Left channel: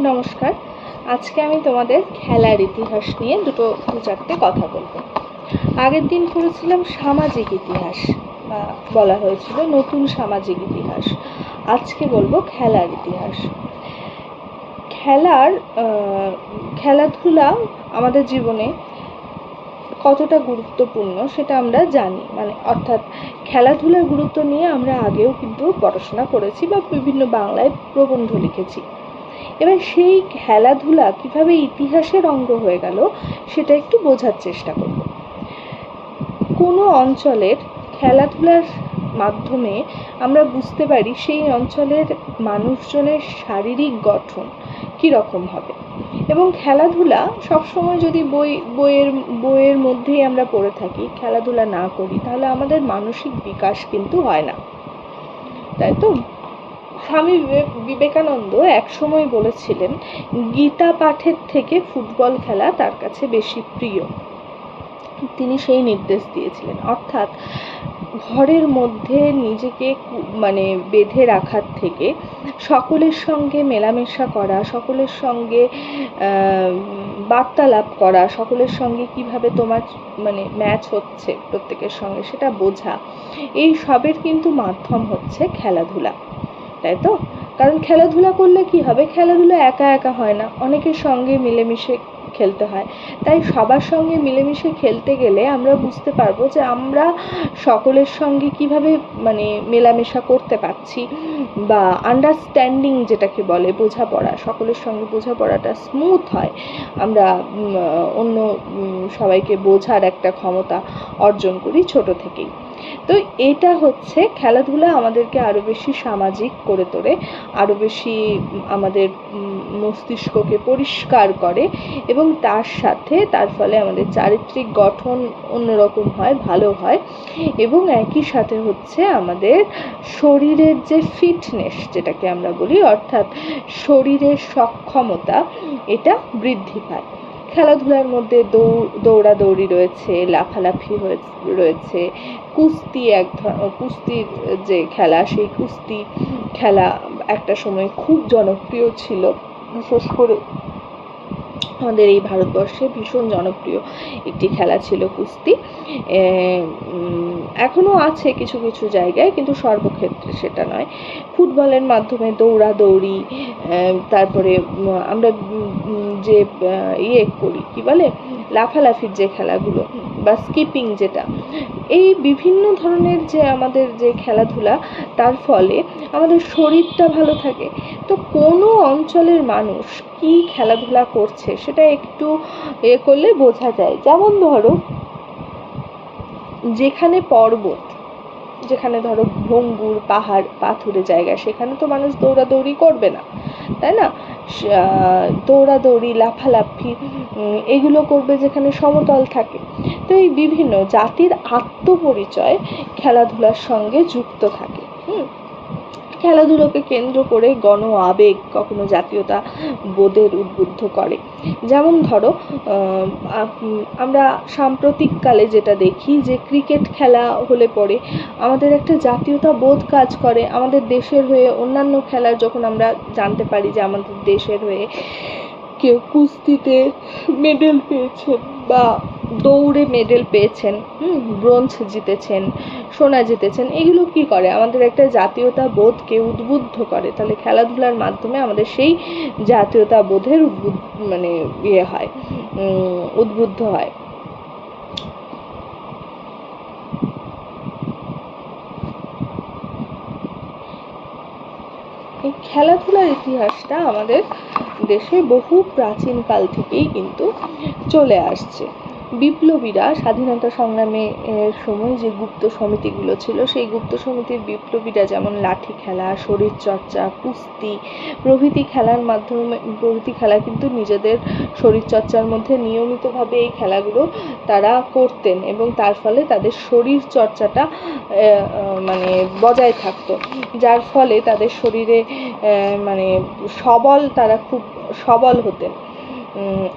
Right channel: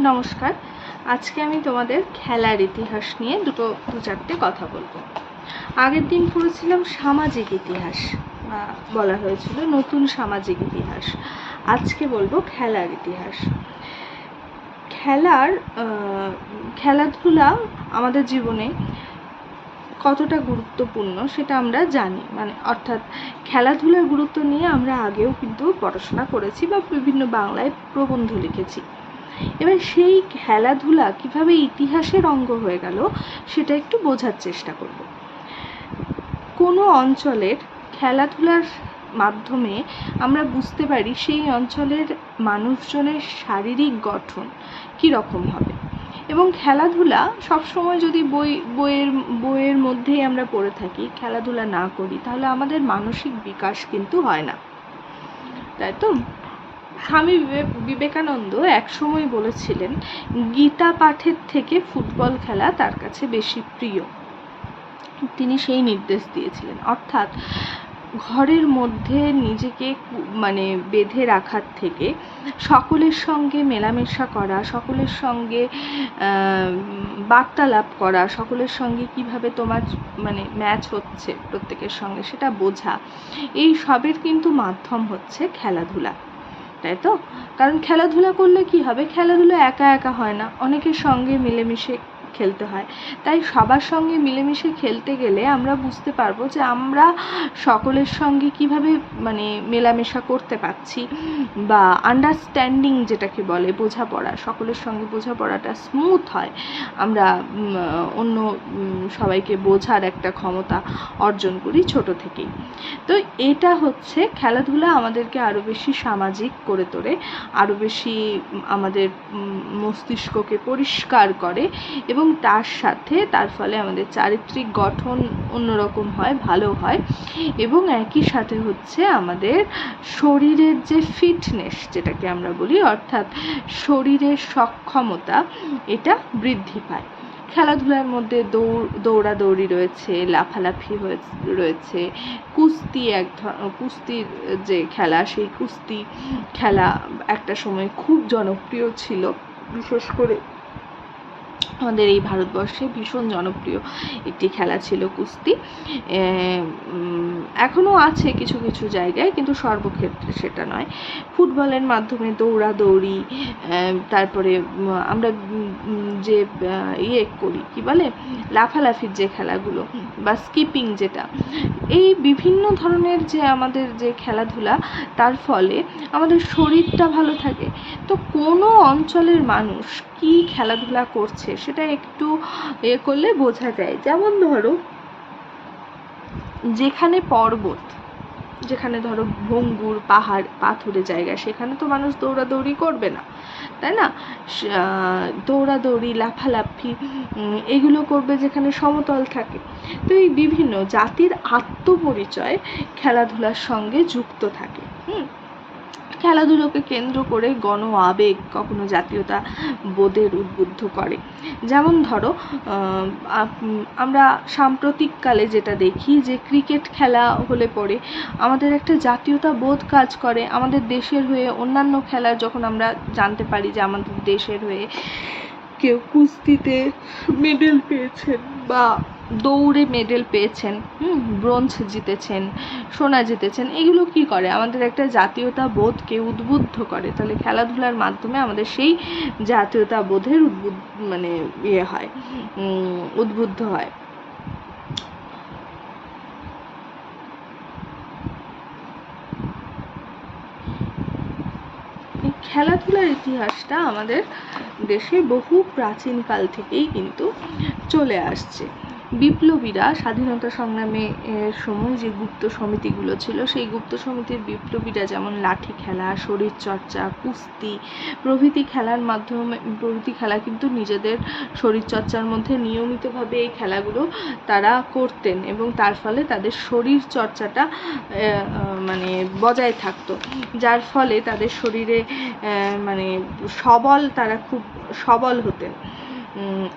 নমস্কার। আজকে আমি তোমাদের খেলার ইতিহাস নিয়ে দু চারটে কথা বলবো। আগের দিন পড়েছিলাম সামাজিক ইতিহাস, বা বলা হয়েছিল নতুন সামাজিক ইতিহাস। আজকে বলবো খেলার ইতিহাস। খেলাধুলা আমাদের জীবনে কতটা গুরুত্বপূর্ণ সেটা আমরা জানি, অর্থাৎ খেলাধুলার গুরুত্ব নিয়ে আমরা আগেও কিন্তু পড়াশোনা করেছি বা বিভিন্ন বাংলায় প্রবন্ধ লিখেছি। এবার সেই খেলাধুলা কিভাবে ইতিহাসের অঙ্গ হয়ে গেল সেটা একটু বোঝার চেষ্টা করব। কোনো অঞ্চলের খেলাধুলার মাধ্যমে আমরা বুঝতে পারি সেই অঞ্চলের মানুষজনের শারীরিক গঠন কীরকম হবে। এবং খেলাধুলা সবসময় যদি বইয়ের মধ্যেই আমরা পড়ে থাকি, খেলাধুলা না করি, তাহলে আমাদের মানসিক বিকাশ কিন্তু হয় না, তাই তো? স্বামী বিবেকানন্দ এক সময় বলেছিলেন, গীতা পাঠের থেকে ফুটবল খেলা তার কাছে বেশি প্রিয়। তিনি সেই নির্দেশ দিয়েছিলেন, অর্থাৎ ঘরের মধ্যে নিজেকে বেঁধে রাখার থেকে সকলের সঙ্গে মেলামেশা করা, সকলের সঙ্গে বার্তালাপ করা, সকলের সঙ্গে কিভাবে তোমার ম্যাচ হচ্ছে প্রত্যেকের সঙ্গে সেটা বোঝা, এই সবের কিন্তু মাধ্যম হচ্ছে খেলাধুলা, তাই তো? কারণ খেলাধুলা করলে কি হবে, খেলাধুলা একা একা হয় না, অনেকের সঙ্গে মিলেমিশে খেলতে হয়। তাই সবার সঙ্গে মিলেমিশে খেলতে গেলে আমরা বুঝতে পারবো যে আমরা সকলের সঙ্গে কিভাবে মেলামেশা করতে পারছি, বা আন্ডারস্ট্যান্ডিং যেটাকে বলে, বোঝাপড়া, সকলের সঙ্গে বোঝাপড়াটা স্মুথ হয়। আমরা অন্য সবাইকে বোঝার একটা ক্ষমতা অর্জন করি ছোট থেকেই। তো এটা হচ্ছে খেলাধুলা আমাদেরকে আরও বেশি সামাজিক করে তোলে, আরও বেশি আমাদের মস্তিষ্ককে পরিষ্কার করে, এবং তার ফলে আমাদের চারিত্রিক গঠন অন্যরকম হয়, ভালো হয়, এবং একই সাথে হচ্ছে আমাদের শরীরের যে ফিটনেস যেটাকে আমরা বলি, অর্থাৎ শরীরের সক্ষমতা, এটা বৃদ্ধি পায়। খেলাধুলার মধ্যে দৌড়াদৌড়ি রয়েছে, লাফালাফি রয়েছে, কুস্তির যে খেলা, সেই কুস্তি খেলা একটা সময় খুব জনপ্রিয় ছিল, বিশেষ করে আমাদের এই ভারতবর্ষে ভীষণ জনপ্রিয় একটি খেলা ছিল কুস্তি। এখনও আছে কিছু কিছু জায়গায়, কিন্তু সর্বক্ষেত্রে সেটা নয়। ফুটবলের মাধ্যমে দৌড়াদৌড়ি, তারপরে আমরা যে করি, কি বলে, লাফালাফির যে খেলাগুলো, বা স্কিপিং যেটা, এই বিভিন্ন ধরনের যে আমাদের যে খেলাধুলা, তার ফলে আমাদের শরীরটা ভালো থাকে। তো কোনো অঞ্চলের মানুষ কি খেলাধুলা করছে সেটা একটু করলে বোঝা যায়। যেমন ধরো, যেখানে পর্বত, যেখানে ধরো ভঙ্গুর পাহাড় পাথুরে জায়গা, সেখানে তো মানুষ দৌড়াদৌড়ি করবে না, তাই না? দৌড়াদৌড়ি, লাফালাফি এগুলো করবে যেখানে সমতল থাকে। তো এই বিভিন্ন জাতির আত্মপরিচয় খেলাধুলার সঙ্গে যুক্ত থাকে। খেলাধুলোকে কেন্দ্র করে গণ আবেগ কখনো জাতীয়তা বোধের উদ্বুদ্ধ করে। যেমন ধরো, আমরা সাম্প্রতিককালে যেটা দেখি, যে ক্রিকেট খেলা হলে পরে আমাদের একটা জাতীয়তা বোধ কাজ করে। আমাদের দেশের হয়ে অন্যান্য খেলা যখন আমরা জানতে পারি যে আমাদের দেশের হয়ে কেউ কুস্তিতে মেডেল পেয়েছেন, বা দৌড়ে মেডেল পেয়েছেন, ব্রোঞ্জ জিতেছেন, সোনা জিতেছেন, এগুলো কি করে, আমাদের একটা জাতীয়তা বোধকে উদ্বুদ্ধ করে। তাহলে খেলাধুলার মাধ্যমে আমাদের সেই জাতীয়তা বোধের উদ্বুদ্ধ হয়। এই খেলাধুলার ইতিহাসটা আমাদের দেশে বহু প্রাচীনকাল থেকেই কিন্তু চলে আসছে। বিপ্লবীরা স্বাধীনতা সংগ্রামে সময় যে গুপ্ত সমিতিগুলো ছিল, সেই গুপ্ত সমিতির বিপ্লবীরা যেমন লাঠি খেলা, শরীরচর্চা, কুস্তি প্রভৃতি খেলা কিন্তু নিজেদের শরীরচর্চার মধ্যে নিয়মিতভাবে এই খেলাগুলো তারা করতেন, এবং তার ফলে তাদের শরীর চর্চাটা বজায় থাকতো, যার ফলে তাদের শরীরে তারা খুব সবল হতেন।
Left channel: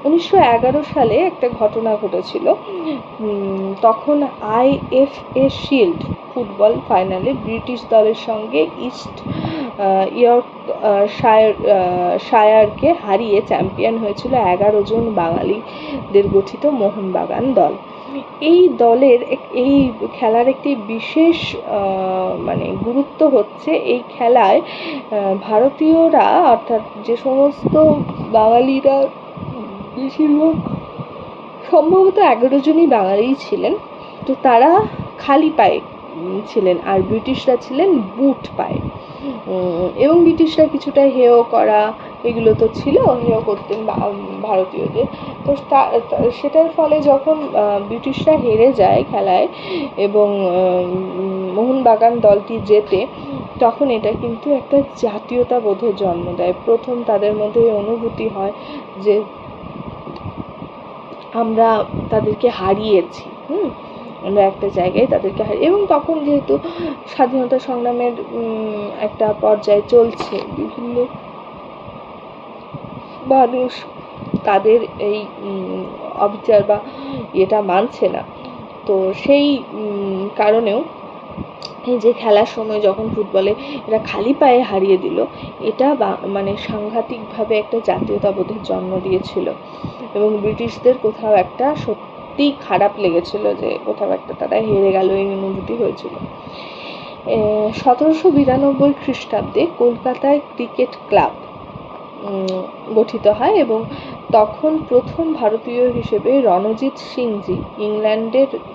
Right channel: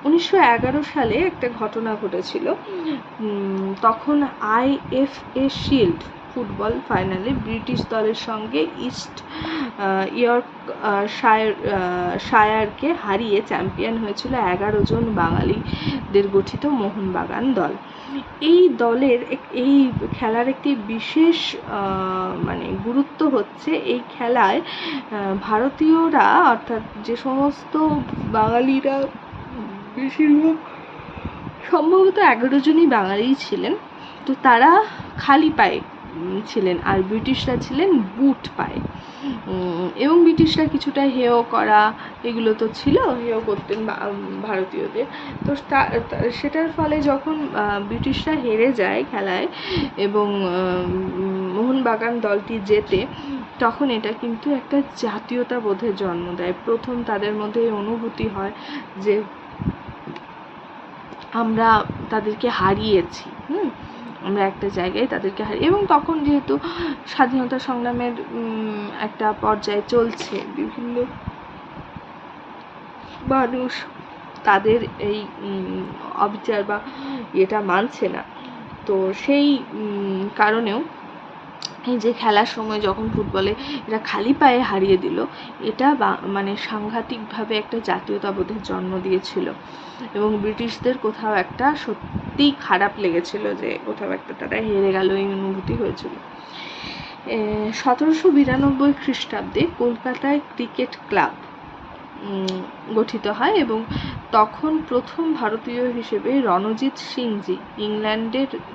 1911 সালে একটা ঘটনা ঘটেছিল। তখন IFA শিল্ড ফুটবল ফাইনালে ব্রিটিশ দলের সঙ্গে ইস্ট শায়ারকে হারিয়ে চ্যাম্পিয়ন হয়েছিল 11 জন বাঙালিদের গঠিত মোহনবাগান দল। এই দলের এই খেলার একটি বিশেষ মানে গুরুত্ব হচ্ছে, এই খেলায় ভারতীয়রা অর্থাৎ যে সমস্ত বাঙালিরা, বেশিরভাগ সম্ভবত 11 জনই বাঙালিই ছিলেন, তো তারা খালি পায়ে ছিলেন, আর ব্রিটিশরা ছিলেন বুট পায়ে। এবং ব্রিটিশরা কিছুটা হেয় করা এগুলো তো ছিল, হেয় করতেন ভারতীয়দের। তো সেটার ফলে যখন ব্রিটিশরা হেরে যায় খেলায় এবং মোহনবাগান দলটি জেতে, তখন এটা কিন্তু একটা জাতীয়তাবোধের জন্ম দেয়। প্রথম তাদের মধ্যে অনুভূতি হয় যে আমরা তাদেরকে হারিয়েছি, আমরা একটা জায়গায় তাদেরকে এবং তখন যেহেতু স্বাধীনতা সংগ্রামের একটা পর্যায়ে চলছে, বিভিন্ন মানুষ তাদের এই অবিচার বা এটা মানছে না, তো সেই কারণেও এই যে খেলার সময় যখন ফুটবলে এরা খালি পায়ে হারিয়ে দিল, এটা মানে সাংঘাতিকভাবে একটা জাতীয়তাবোধের জন্ম দিয়েছিল এবং ব্রিটিশদের কোথাও একটা সত্যিই খারাপ লেগেছিল যে কোথাও একটা তারা হেরে গেল, এই অনুভূতি হয়েছিল। 1792 খ্রিস্টাব্দে কলকাতায় ক্রিকেট ক্লাব গঠিত হয় এবং তখন প্রথম ভারতীয় হিসেবে রণজিৎ সিংজি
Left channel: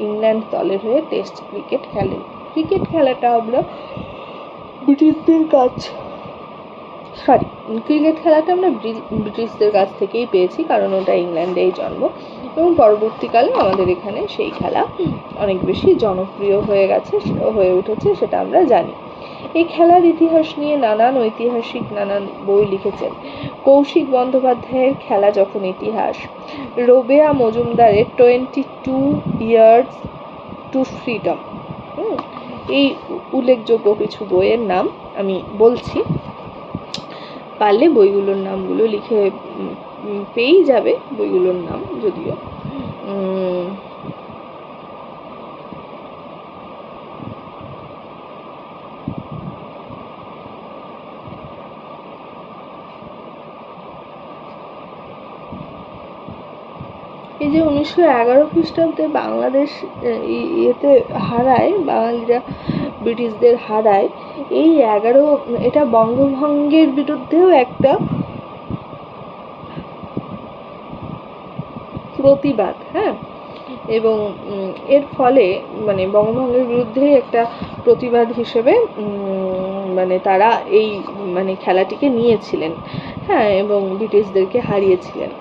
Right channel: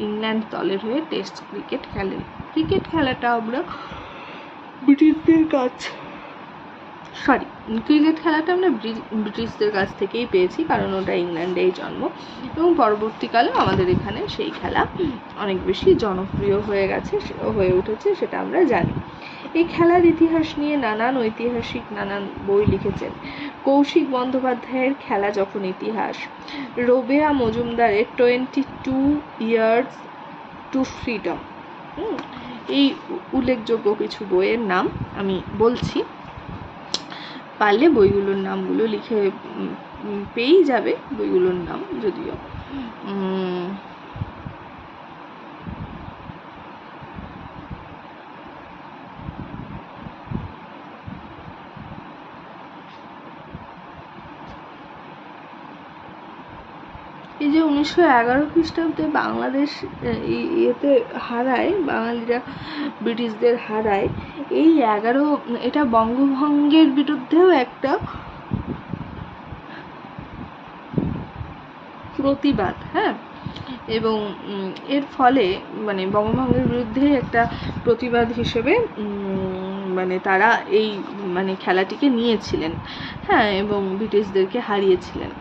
ইংল্যান্ড দলের হয়ে টেস্ট ক্রিকেট খেলেন। ক্রিকেট খেলাটা আমরা ব্রিটিশদের কাছ থেকেই পেয়েছি, কারণ ওটা ইংল্যান্ডেই জন্ম এবং পরবর্তীকালে আমাদের এখানে সেই খেলা অনেক বেশি জনপ্রিয় হয়ে উঠেছে, সেটা আমরা জানি। এই খেলার ইতিহাস নিয়ে নানান বই লিখেছেন। কৌশিক বন্দ্যোপাধ্যায়ের খেলা যখন ইতিহাস, রোবেয়া মজুমদারের 22 ইয়ার্স টু ফ্রিডম, এই উল্লেখযোগ্য কিছু বইয়ের নাম আমি বলছি, পারলে বইগুলোর নামগুলো লিখে পেয়েই যাবে বইগুলোর নাম। যদিও এই যে 1911 খ্রিস্টাব্দে বাংলাদেশ বাঙালিরা ব্রিটিশদের হারায়, এই এটা বঙ্গভঙ্গের বিরুদ্ধেও একটা প্রতিবাদ, এবং এর ফলে মানে বঙ্গভঙ্গের বিরুদ্ধে একটা প্রতিবাদ হিসেবে মানে তারা এই মানে খেলাটিকে নিয়েছিলেন, এবং ব্রিটিশদেরকে হারিয়েছিলেন।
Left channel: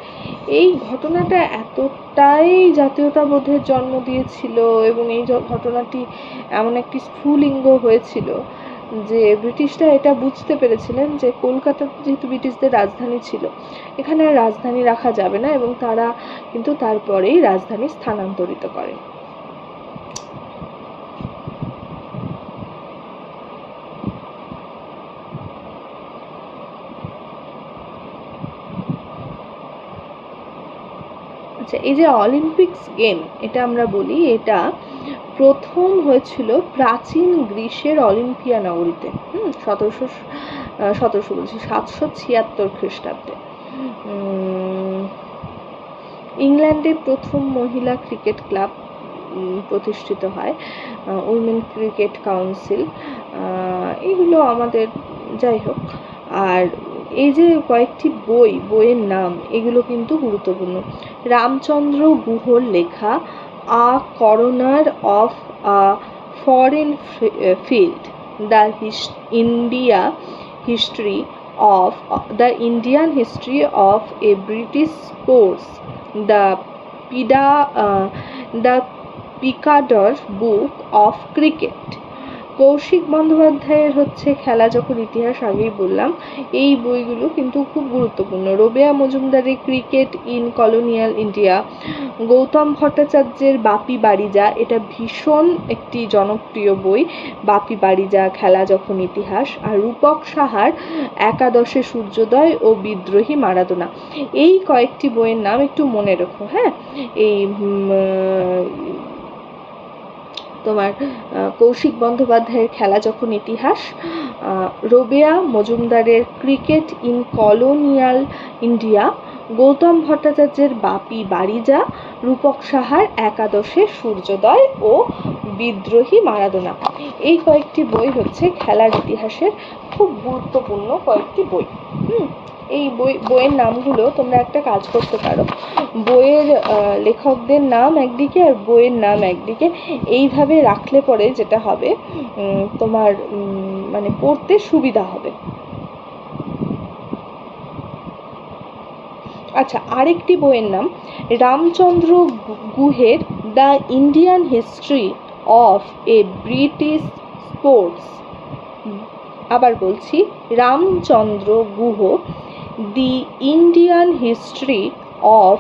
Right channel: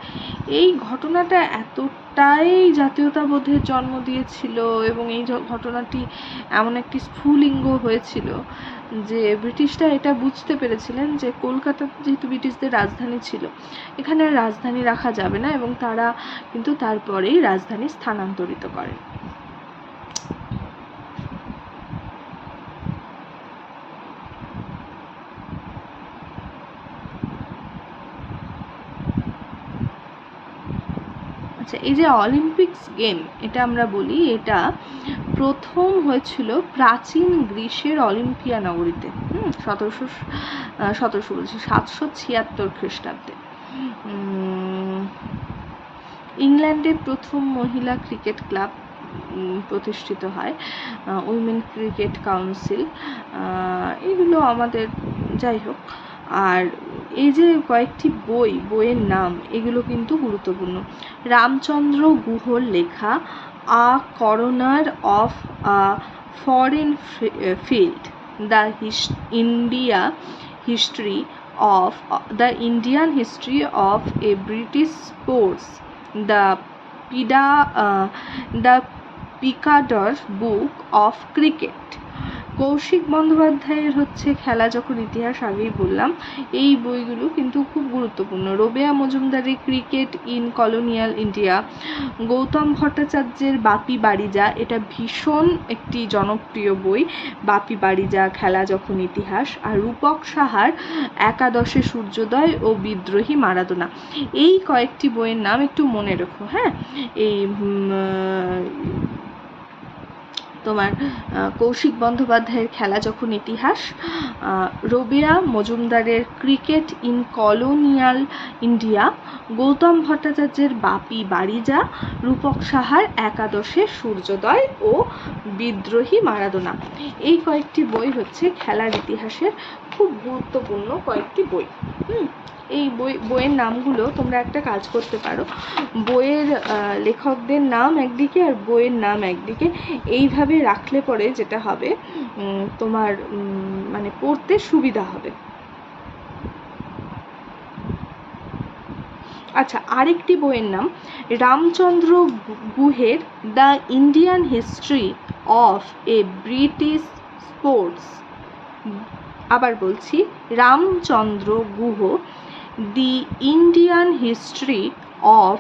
এই ঘটনাটা এতটাই জাতীয়তাবোধের জন্ম দিয়েছিল এবং এই ঘটনাটি এমন একটি স্ফুলিঙ্গ হয়েছিল যে ব্রিটিশরা এটা বুঝতে পেরেছিলেন যে কলকাতা যেহেতু ব্রিটিশদের রাজধানী ছিল, এখানে আর রাজধানী রাখা যাবে না, এবং তারা কিন্তু তারপরেই রাজধানী স্থানান্তরিত করেন। আচ্ছা, এই যে অলিম্পিক্স গেম, এটা আমরা বলি, এটা প্রথম হয়েছিল প্রাচীন গ্রীসের অলিম্পিয়া নগরীতে 776 খ্রিস্টাব্দে। ইংল্যান্ডে প্রথম মহিলা ক্রিকেট ক্লাব প্রতিষ্ঠিত হয়, উইমেন ক্রিকেট কাউন্সিল। এগুলো আমাদের যাই হোক। আর এই যে কয়েকটি বইয়ের নাম, এগুলো কিন্তু গুরুত্বপূর্ণ। রামচন্দ্র গুহর লেখা a corner of a foreign field, the Indian history of a British sports, the Picador book of cricket, Kaushik বন্দ্যোপাধ্যায়ের হচ্ছে খেলা যখন ইতিহাস, আগেই বললাম। এই বইগুলো কিন্তু খুব গুরুত্বপূর্ণ। রোবেয়া মজুমদারের cricket in colonial India, Gautam ভট্টাচার্যের বাপি বাড়িজা, এটা ভীষণ একটি জনপ্রিয় বই, বাপি বাড়িজা খেলা যখন ইতিহাস। আর রূপক সাহার একাদশে সূর্যোদয় ও বিদ্রোহী মারাদোনা। এই কয়েকটি বইয়ের নাম একটু মনে রেখো, হ্যাঁ। এই তোমার কৌশিক বন্দ্যোপাধ্যায়ের খেলা যখন ইতিহাস, রোবেয়া মজুমদারের cricket in colonial India, Gautam ভট্টাচার্যের বাপি বাড়িজা, রূপক সাহার একাদশে সূর্যোদয় ও বিদ্রোহী মারাদোনা। এই কয়েকটি বই হচ্ছে খেলার ইতিহাসের খুব গুরুত্বপূর্ণ কয়েকটি বই। এই বইয়ের নামগুলো তোমরা একটা কাজ করতে পারো, বইয়ের লেখকদের নাম একদিকে আর বইয়ের নাম একদিকে, এইভাবে রাখলে পরে যেটা হবে তোমার মানে পড়তে সুবিধা হবে। আচ্ছা, আরেকটি বইয়ের নাম রামচন্দ্র গুহের the Indian history of a British sports. আবার বলছি, Ramachandra Guha the Indian history of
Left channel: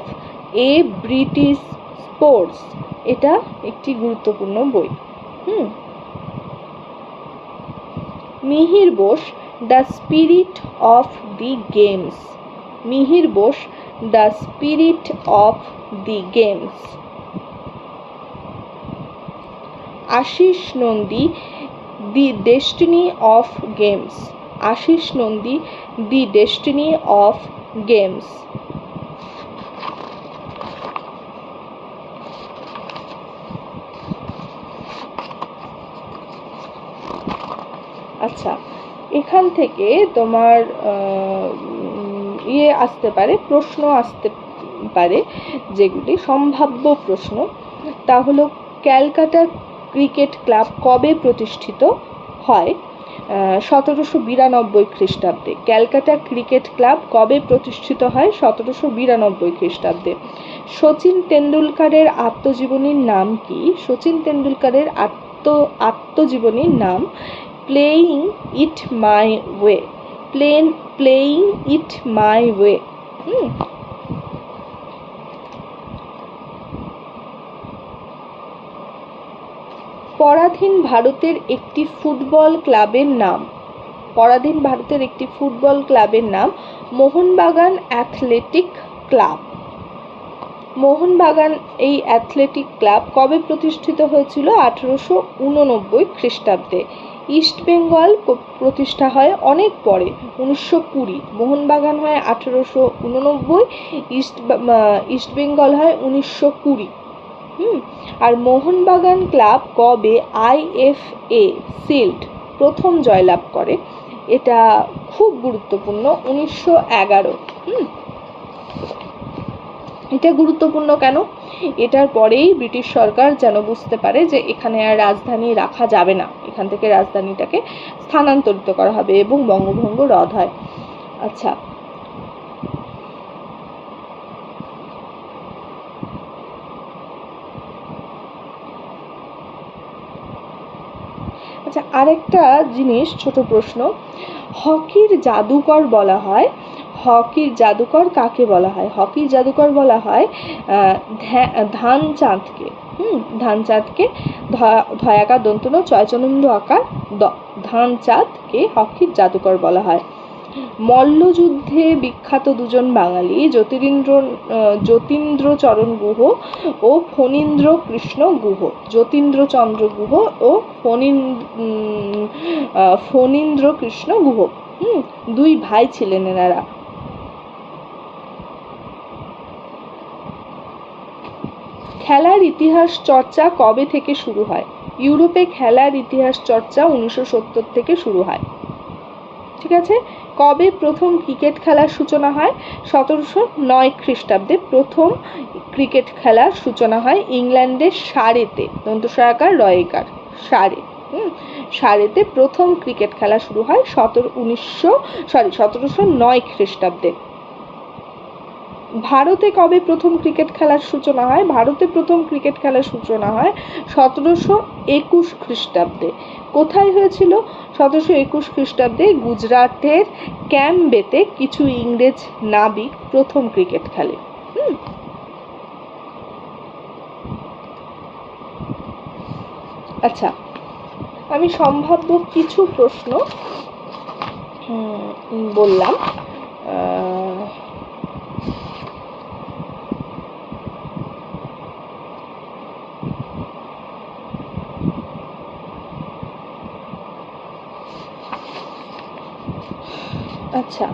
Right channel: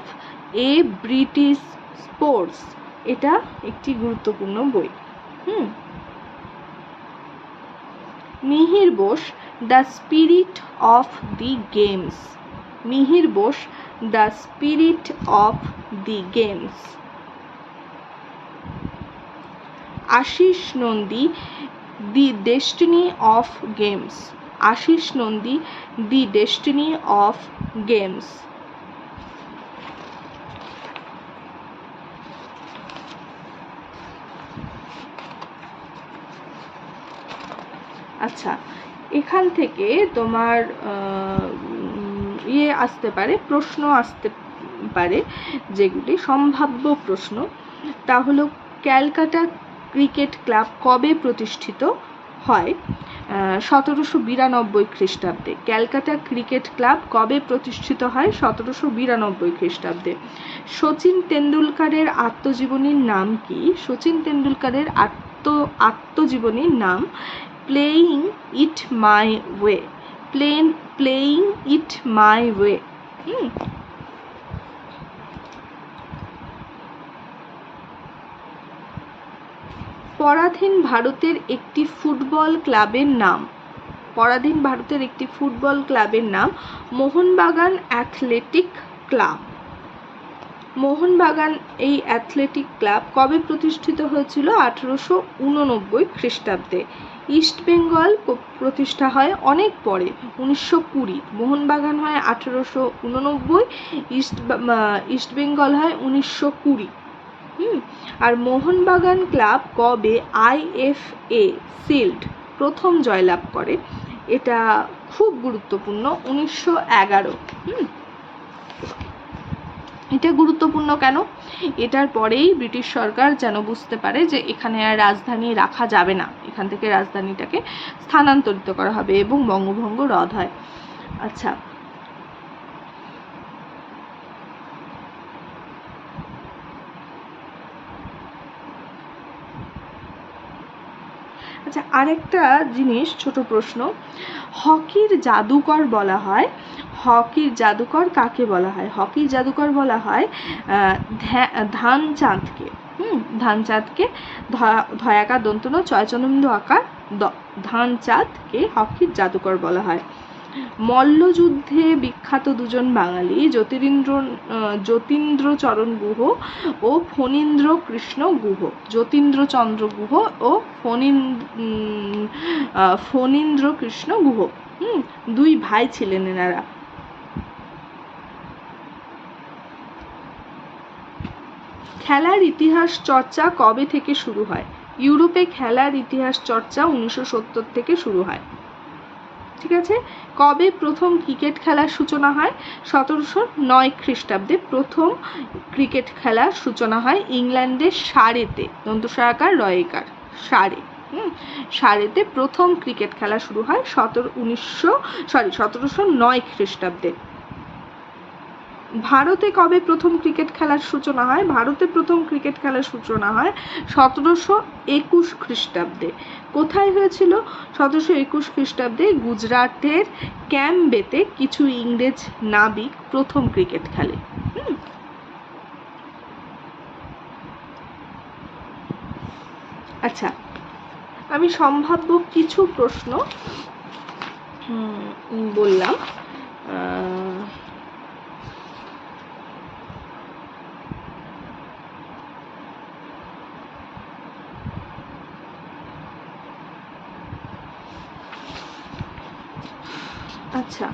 a British sports, এটা একটি গুরুত্বপূর্ণ বই। Mihir Bose the spirit of the games, Mihir Bose the spirit of the games. Ashis Nandy the destiny of games, Ashis Nandy the destiny of games. আচ্ছা, এখান থেকে তোমার আসতে পারে, প্রশ্ন আসতে পারে, যেগুলি সম্ভাব্য প্রশ্ন। তা হলো, ক্যালকাটা ক্রিকেট ক্লাব কবে প্রতিষ্ঠিত হয়? 1792 খ্রিস্টাব্দে। ক্যালকাটা ক্রিকেট ক্লাব কবে প্রতিষ্ঠিত হয়? 1792 খ্রিস্টাব্দে। শচীন তেন্ডুলকারের আত্মজীবনীর নাম কি? শচীন তেন্ডুলকারের আত্মজীবনীর নাম playing it my way, playing it my way. পরাধীন ভারতের একটি ফুটবল ক্লাবের নাম, পরাধীন ভারতের একটি ফুটবল ক্লাবের নাম মোহনবাগান অ্যাথলেটিক ক্লাব। মোহনবাগান এই অ্যাথলেটিক ক্লাব কবে প্রতিষ্ঠিত হয়েছিল? 1889 খ্রিস্টাব্দে। ইস্টবেঙ্গল প্রতিষ্ঠা হয় অনেক পরে, 1920। মোহনবাগান হয় 1889, ইস্টবেঙ্গল হয় 1920। আর মোহনবাগান ক্লাব কবে IFA সিল্ড প্রথম জয়লাভ করে? এটা খুব গুরুত্বপূর্ণ, 1911। এটা গুরুত্বপূর্ণ কেন? এটার পরেই ব্রিটিশ সরকার যেন বুঝতে পারে যে এখানে আর রাজধানী রাখা যাবে না, এখান থেকে রাজধানীটাকে স্থানান্তরিত করা হবে এবং বঙ্গভঙ্গ রদ হয়। আচ্ছা, আচ্ছা, আরেকটা জিনিস, ছোট প্রশ্ন, হকির জাদুকর বলা হয়, হকির জাদুকর কাকে বলা হয়? হকির জাদুকর বলা হয় ধ্যানচাঁদকে। ধ্যানচাঁদকে, ধয়াকার দন্তন চয়চন্দ্র আকার ধ্যানচাঁদকে হকির জাদুকর বলা হয়। মল্লযুদ্ধে বিখ্যাত দুজন বাঙালি যতীন্দ্রচরণ গুহ ও ফণীন্দ্র কৃষ্ণ গুহ, যতীন্দ্রচন্দ্র গুহ ও ফণীন্দ্র কৃষ্ণ গুহ, দুই ভাই ছিলেন এনারা। খেলার ইতিহাস চর্চা কবে থেকে শুরু হয়? ইউরোপে খেলার ইতিহাস চর্চা 1970 থেকে শুরু হয়। ঠিক আছে। কবে প্রথম ক্রিকেট খেলার সূচনা হয়? 1709 খ্রিস্টাব্দে প্রথম ক্রিকেট খেলার সূচনা হয় ইংল্যান্ডের সারেতে, দন্তস্বরাকার রয়েকার, সারেতে প্রথম ক্রিকেট খেলা শুরু হয় 1709 খ্রিস্টাব্দে। ভারতে কবে প্রথম ক্রিকেট খেলার সূচনা হয়? ভারতে প্রথম ক্রিকেট খেলার সূচনা হয় 1721 খ্রিস্টাব্দে। কোথায় হয়েছিল? 1721 খ্রিস্টাব্দে গুজরাটের ক্যাম্বেতে কিছু ইংরেজ নাবিক প্রথম ক্রিকেট খেলে। আচ্ছা, আমি সম্ভাব্য কিছু প্রশ্ন বললাম। আচ্ছা,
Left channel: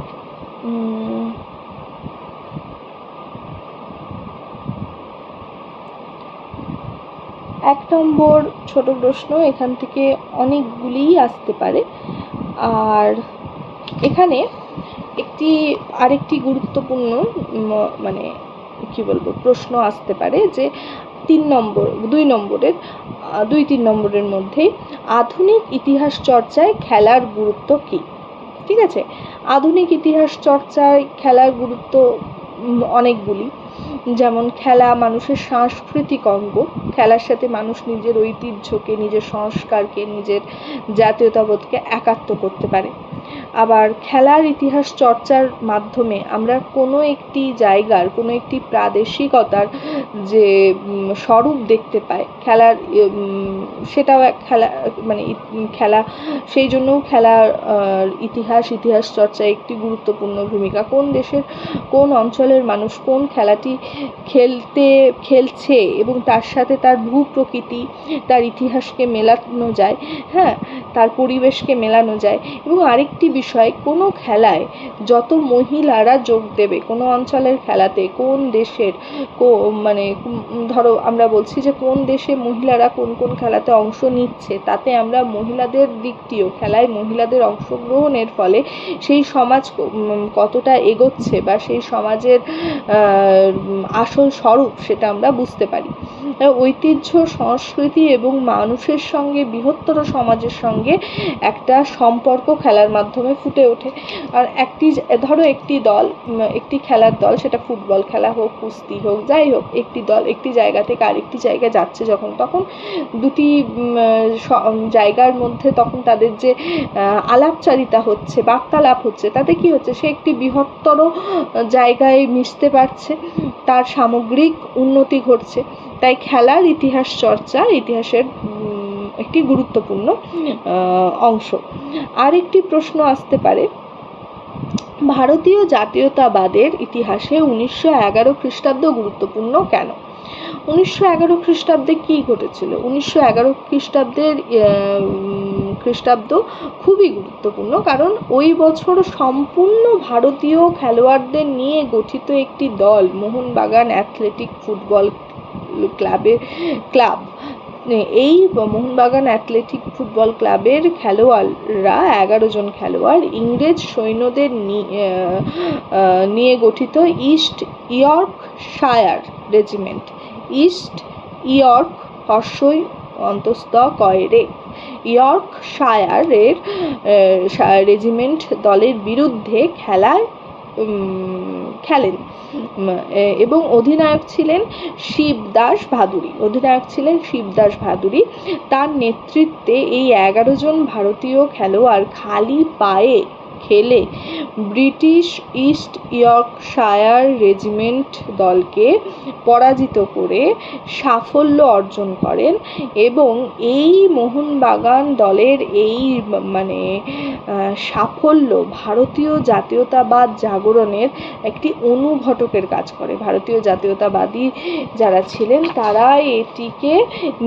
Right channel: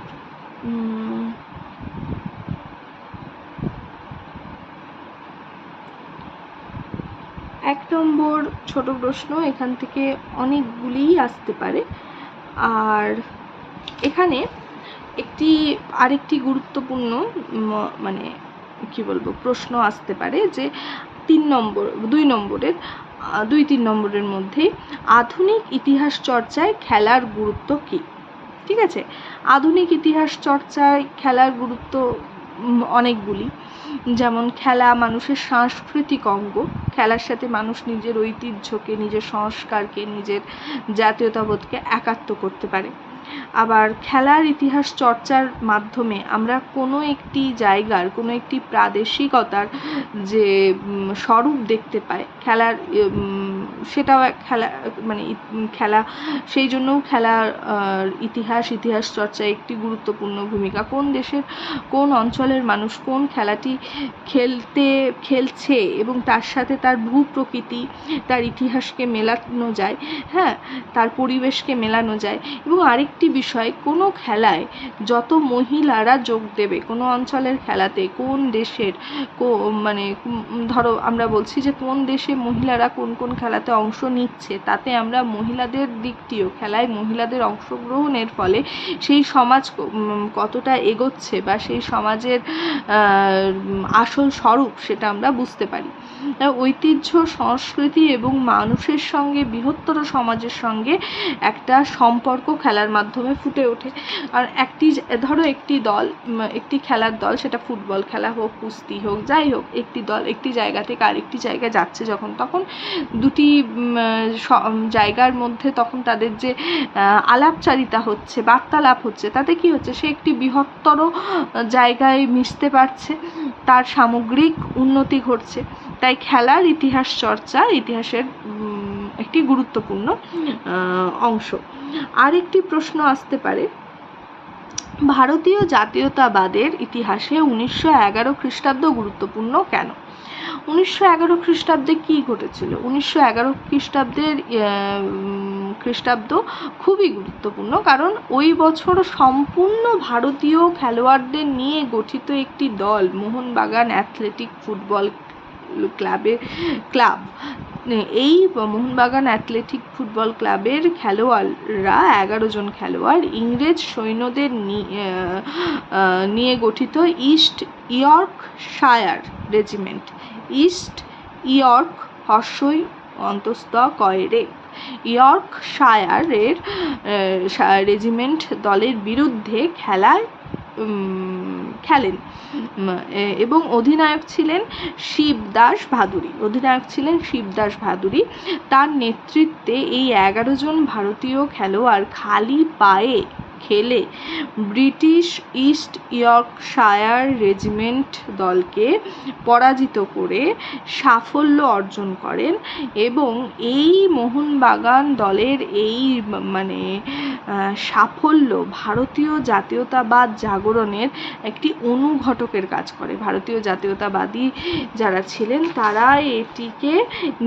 1 নম্বর ছোট প্রশ্ন, এখান থেকে অনেকগুলিই আসতে পারে। আর এখানে আরেকটি গুরুত্বপূর্ণ মানে কি বলবো প্রশ্ন আসতে পারে যে 2 নম্বরের মধ্যে আধুনিক ইতিহাস চর্চায় খেলার গুরুত্ব কি? ঠিক আছে, আধুনিক ইতিহাস চর্চায় খেলার গুরুত্ব অনেকগুলি। যেমন খেলা মানুষের সাংস্কৃতিক অঙ্গ, খেলার সাথে মানুষ নিজের ঐতিহ্যকে, নিজের সংস্কারকে, নিজের জাতীয়তাবোধকে একাত্ম করতে পারে। আবার খেলার ইতিহাস চর্চার মাধ্যমে আমরা কোনো একটি জায়গার, কোনো একটি প্রাদেশিকতার যে স্বরূপ দেখতে পাই, খেলার সেটাও খেলা মানে খেলা, সেই জন্যও খেলার ইতিহাস চর্চায় একটি গুরুত্বপূর্ণ ভূমিকা। কোন দেশের কোন অঞ্চলের মানুষ কোন খেলাটি খেলছে এবং তার সাথে তার ভূপ্রকৃতি, তার ইতিহাসকে মেলানো যায়, হ্যাঁ, তার পরিবেশকে মেলানো যায়। এবং আরেকটি বিষয়, কোনো খেলায় যত মহিলারা যোগ দেবে, কোনো অঞ্চলের খেলাতে কোন দেশের মানে ধরো আমরা বলছি যে কোন দেশে মহিলারা কোন কোন খেলাতে অংশ নিচ্ছে, তাতে আমরা মহিলাদের দিকটিও, খেলায় মহিলাদের অংশগ্রহণের ফলে সেই সমাজ কতটা এগোচ্ছে বা সেই সমাজের আসল স্বরূপ সেটা আমরা বুঝতে পারি। ঐতিহ্য, সংস্কৃতি এবং মানুষের সঙ্গে, বৃহত্তর সমাজের সঙ্গে একটা সম্পর্ক খেলার মাধ্যমে ফুটে ওঠে। আর একটি খেলার দল, সেটা ফুটবল খেলা হোক, কুস্তি হোক, যাই হোক, একটি দল একটি জায়গা থেকে আরেকটি জায়গায় যাচ্ছে তখন দুটি জায়গার মধ্যে তখন তাদের যে আলাপচারিতা হচ্ছে, বার্তালাপ হচ্ছে, তাতে কি হচ্ছে, সে একটি বৃহত্তর জায়গায় মিশতে পারছে, তার সামগ্রিক উন্নতি ঘটছে। তাই খেলার ইতিহাস চর্চা ইতিহাসের একটি গুরুত্বপূর্ণ অংশ। আরেকটি প্রশ্ন আসতে পারে, ভারতীয় জাতীয়তাবাদের ইতিহাসে 1911 খ্রিস্টাব্দ গুরুত্বপূর্ণ কেন? 1911 খ্রিস্টাব্দে কী ঘটেছিল? 1911 খ্রিস্টাব্দ খুবই গুরুত্বপূর্ণ, কারণ ওই বছর সম্পূর্ণ ভারতীয় খেলোয়াড়দের নিয়ে গঠিত একটি দল, মোহনবাগান অ্যাথলেটিক ফুটবল ক্লাব। এই মোহনবাগান অ্যাথলেটিক ফুটবল ক্লাবের খেলোয়াড়রা 11 জন খেলোয়াড় ইংরেজ সৈন্যদের নিয়ে গঠিত East Yorkshire regiment, East York হর্ষই অন্তস্থ কয়রে, ইয়র্কশায়ারের রেজিমেন্ট দলের বিরুদ্ধে খেলেন এবং অধিনায়ক ছিলেন শিবদাস ভাদুড়ী। তার নেতৃত্বে এই 11 জন ভারতীয় খেলোয়াড় খালি পায়ে খেলে ব্রিটিশ ইস্ট ইয়র্কশায়ার রেজিমেন্ট দলকে পরাজিত করে সাফল্য অর্জন করেন এবং এই মোহনবাগান দলের এই সাফল্য ভারতীয় জাতীয়তাবাদ জাগরণের একটি অনুঘটকের কাজ করে। ভারতীয় জাতীয়তাবাদী যারা ছিলেন তারা এটিকে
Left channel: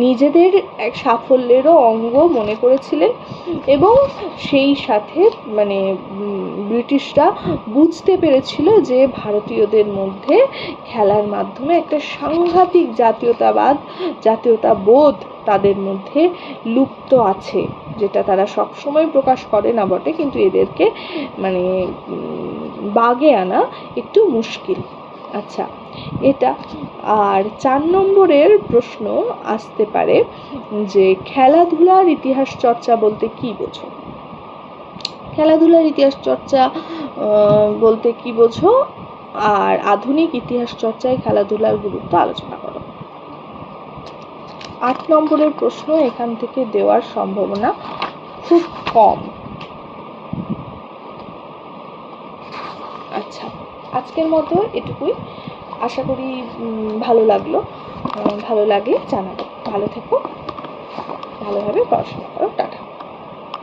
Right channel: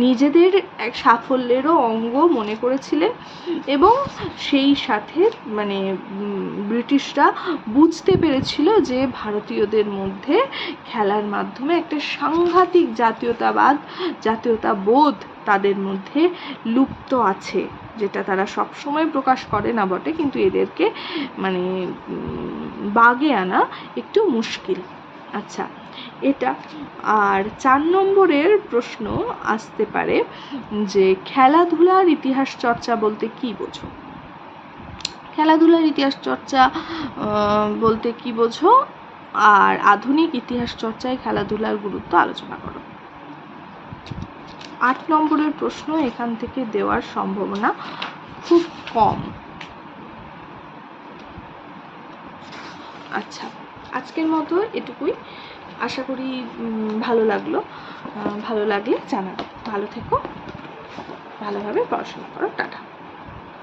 নিজেদের এক সাফল্যেরও অঙ্গ মনে করেছিলেন এবং সেই সাথে ব্রিটিশরা বুঝতে পেরেছিল যে ভারতীয়দের মধ্যে খেলার মাধ্যমে একটা সাংঘাতিক জাতীয়তাবোধ তাদের মধ্যে লুপ্ত আছে, যেটা তারা সবসময় প্রকাশ করে না বটে, কিন্তু এদেরকে বাগে আনা একটু মুশকিল। আচ্ছা, এটা। আর 4 নম্বরের প্রশ্ন আসতে পারে যে খেলাধুলার ইতিহাস চর্চা বলতে কি বোঝো? খেলাধুলার ইতিহাস চর্চা বলতে কি বোঝো? আর আধুনিক ইতিহাস চর্চায় খেলাধুলার গুরুত্ব আলোচনা করো। 8 নম্বরের প্রশ্ন এখান থেকে দেওয়ার সম্ভাবনা খুব কম। আচ্ছা, আজকের মতো এটুকুই। আশা করি ভালো লাগলো। ভালো লাগলে জানাবে। ভালো থেকো, ভালোভাবে পড়াশোনা করো। টাটা।